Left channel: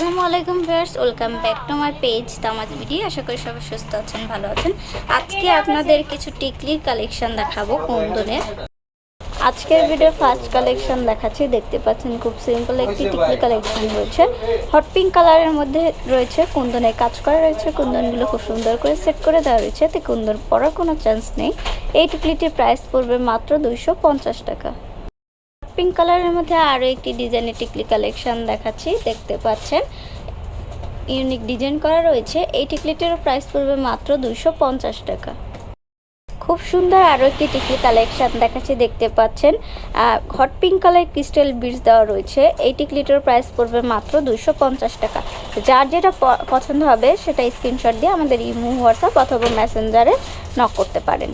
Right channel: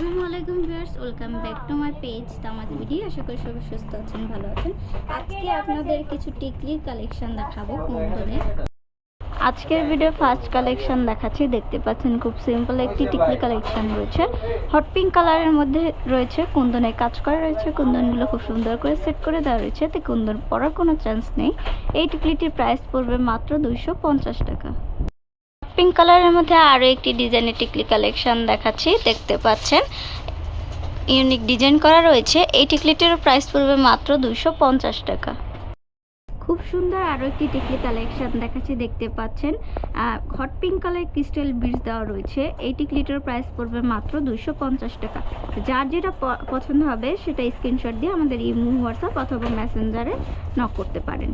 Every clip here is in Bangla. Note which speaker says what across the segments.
Speaker 1: আসসালামু আলাইকুম viewers, welcome back to my page তামাজ video আশা করি সবাই সুস্থ আছেন, ভালো আছেন। আজকে আপনাদের কিছু টিকলির কালেকশন দেখাবো কুন্দনের আজকের ভিডিও ফার্স্ট কালেকশন দেখাচ্ছি, দেখতে পাচ্ছেন খুব সিম্পল একটি টিকলি কালেকশন রয়েছে। হট পিঙ্ক কালারের মধ্যে রয়েছে কুন্দনের কাজ করা রয়েছে, কুন্দনগুলো খুব সুন্দর করে সেট করে দেওয়া রয়েছে। তো কুন্দন পরার কোনো চান্স নেই। এই টিকলিটির প্রাইস পড়বে মাত্র দুইশো পঞ্চাশ টাকা। পিঙ্ক কালারের মধ্যে আরও একটি ডিজাইনের টিকলি কালেকশন দেখাচ্ছি, দেখতে পাচ্ছেন। ইউনিক ডিজাইন করা রয়েছে। এই টিকলিটির প্রাইস পড়বে মাত্র দুশো টাকা। খুব সুন্দর আরও একটি টিকলি কালেকশন দেখাচ্ছি, দেখতে পাচ্ছেন। Hot pink colour crystal beads দেওয়া রয়েছে। এই টিকলিটার প্রাইস পড়বে মাত্র দুশো টাকা। যার যেটা পছন্দ হবে, সেটা স্ক্রিনশট দিয়ে আমাদের ইমো হোয়াটসঅ্যাপ অথবা মেসেঞ্জারে নক করতে পারেন।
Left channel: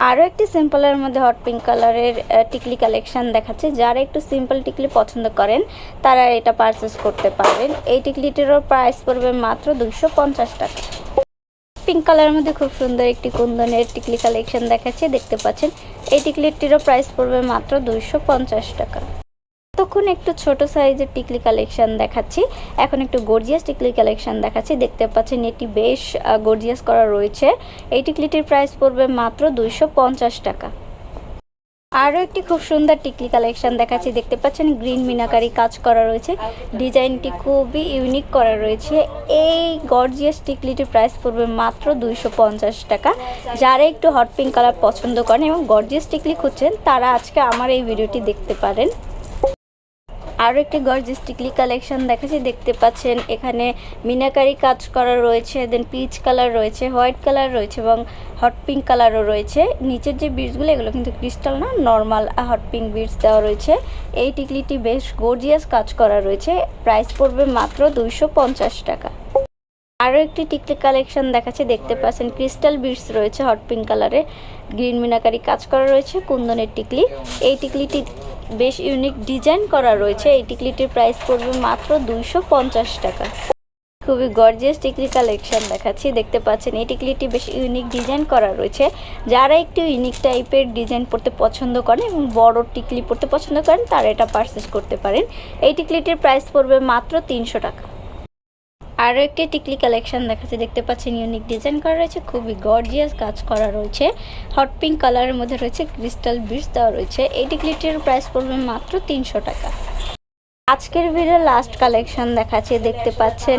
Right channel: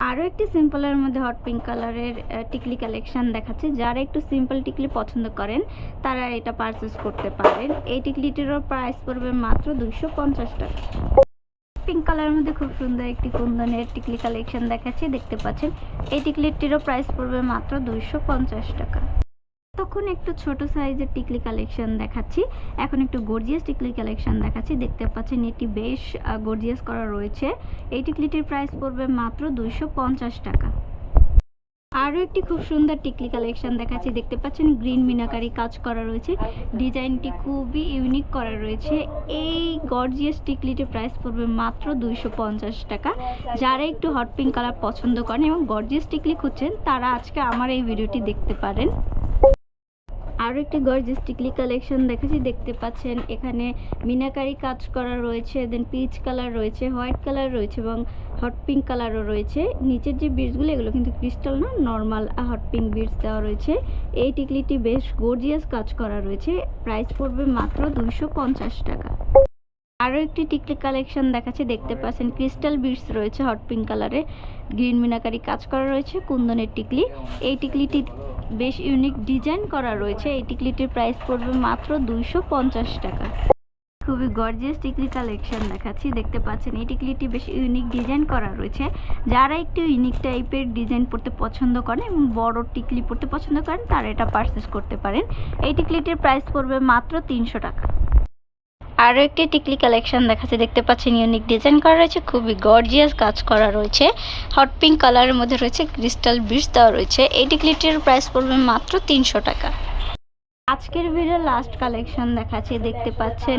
Speaker 1: আরও একটি সিম্পলের মধ্যে হট পিঙ্ক কালারের টিকলি কালেকশান দেখাচ্ছে। যারা একটু সিম্পল টিকলি পছন্দ করেন, তারা এটা পারচেস করতে পারেন। এই টিকলিটিরও প্রাইস পড়বে মাত্র দুইশো পঞ্চাশ টাকা। পিঙ্ক কালারের মধ্যে খুব সুন্দর একটি কুন্দনের টিকলি কালেকশান দেখাচ্ছে, দেখতে পাচ্ছেন। এই টিকলিটিরও প্রাইস পড়বে মাত্র দুইশো পঞ্চাশ টাকা। তখন একটু ছোট সাইজের টিকলি কালেকশন দেখাচ্ছি। এখন একটু গর্জিয়াস টিকলি কালেকশন দেখাচ্ছি। দেখতে পাচ্ছেন এটি বেশ গর্জিয়াস করা রয়েছে। এই টিকলিটির প্রাইস পড়বে মাত্র দুইশো পঞ্চাশ টাকা। আরও একটি খুব সুন্দর টিকলি কালেকশন দেখাচ্ছি। দেখতে পাচ্ছেন গ্রিন মিনাকারি কাজ করা রয়েছে। ডিজাইনটি খুবই ইউনিক করা রয়েছে। এই গর্জিয়াস টিকলিটির প্রাইস পড়বে মাত্র দুইশো পঞ্চাশ টাকা। যারা একটু হট পিঙ্ক কালার পছন্দ করেন এবং গর্জিয়াস টিকলি খুঁজছেন, তারা আজকে আমার এই ভিডিওটি দেখতে পারেন। আরও একটি গর্জিয়াস টিকলি কালেকশন দেখাচ্ছি। দেখতে পাচ্ছেন, এখানে মিনাকারি কাজ করা রয়েছে দেন পিচ কালার রয়েছে হোয়াইট কালার রয়েছে এবং হট পিঙ্ক কালারও রয়েছে। নিচের যে বিটসগুলো এগুলো কিন্তু ক্রিস্টাল না নর্মাল হট পিঙ্ক বিটস দেওয়া রয়েছে। এই টিকলিটি বেশ গর্জিয়াস কাজ করা রয়েছে। প্রাইস পড়বে মাত্র দুইশো পঞ্চাশ টাকা। আরও একটি টিকলি কালেকশন দেখাচ্ছে। দেখতে পাচ্ছেন ক্রিস্টাল বিটস রয়েছে হট পিঙ্ক কালারে গ্রিন মিনাকারি কাজ করা রয়েছে, কুন্দনের টিকলি এই টিকলিটি বেশ ইউনিক ডিজাইন করা রয়েছে। এই টিকলিটির প্রাইস পড়বে মাত্র দুইশো পঞ্চাশ টাকা। খুবই গর্জিয়াস টিকলি কালেকশন দেখাচ্ছি। দেখতে পাচ্ছেন, এই টিকলিটি বেশ ইউনিক ডিজাইন করা রয়েছে। যারা একটু ইউনিক টাইপের ডিজাইন পড়তে পছন্দ করেন এবং বড় টিকলি পড়তে পছন্দ করেন, তারা এটা পারচেস করতে পারেন। এই টিকলিটির প্রাইস পড়বে মাত্র তিনশো টাকা। আরও একটি টিকলি কালেকশন দেখাচ্ছে, দেখতে পাচ্ছেন ইউনিক ডিজাইন করা রয়েছে, খুবই গর্জিয়াস কাজ করা রয়েছে। হট পিঙ্ক কালারের মধ্যে রয়েছে ক্রিস্টাল বিটস দেওয়া রয়েছে। এই টিকলিটির প্রাইস পড়বে মাত্র তিনশো টাকা। আজকের ভিডিও লাস্ট কালেকশন দেখাচ্ছে, দেখতে পাচ্ছেন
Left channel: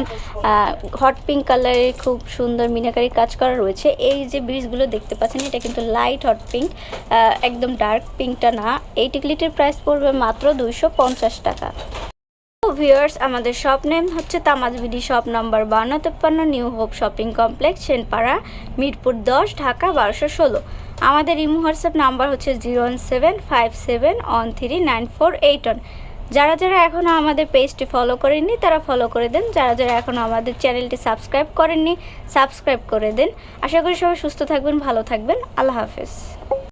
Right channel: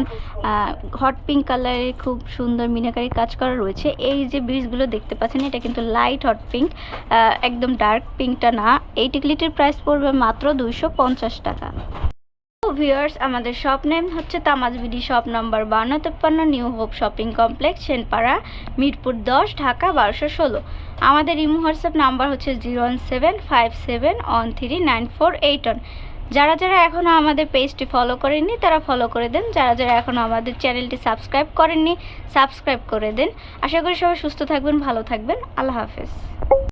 Speaker 1: হট পিঙ্ক কালারের খুব সুন্দর মিনাকারি কাজ করা রয়েছে। এই যে ব্রিজগুলো দেখতে পাচ্ছেন, এটা কিন্তু লাইট হট পিঙ্ক একদম ডার্ক পিঙ্কটা না। এই টিকলিটির প্রাইস পড়বে মাত্র দুইশো পঞ্চাশ টাকা। ভিউয়ার্স, আমাদের শপ নেম হচ্ছে তামাজ বিডি শপ নাম্বার বান্ন তেপ্পান্ন new hope shopping complex, Senpara, Mirpur দশ, ঢাকা বারোশো ষোলো। আমাদের ইমো হোয়াটসঅ্যাপ নাম্বার হচ্ছে zero one seven five seven one three nine four eight one. যারা যারা এখনও আমাদের পেজটি ফলো করেননি, তারা ফলো করে দেন। যারা যারা এখনও আমাদের চ্যানেলটি সাবস্ক্রাইব করেননি, সাবস্ক্রাইব করে দেন। আশা করি সবাই সুস্থ থাকবেন, ভালো থাকবেন। আল্লাহ হাফেজ।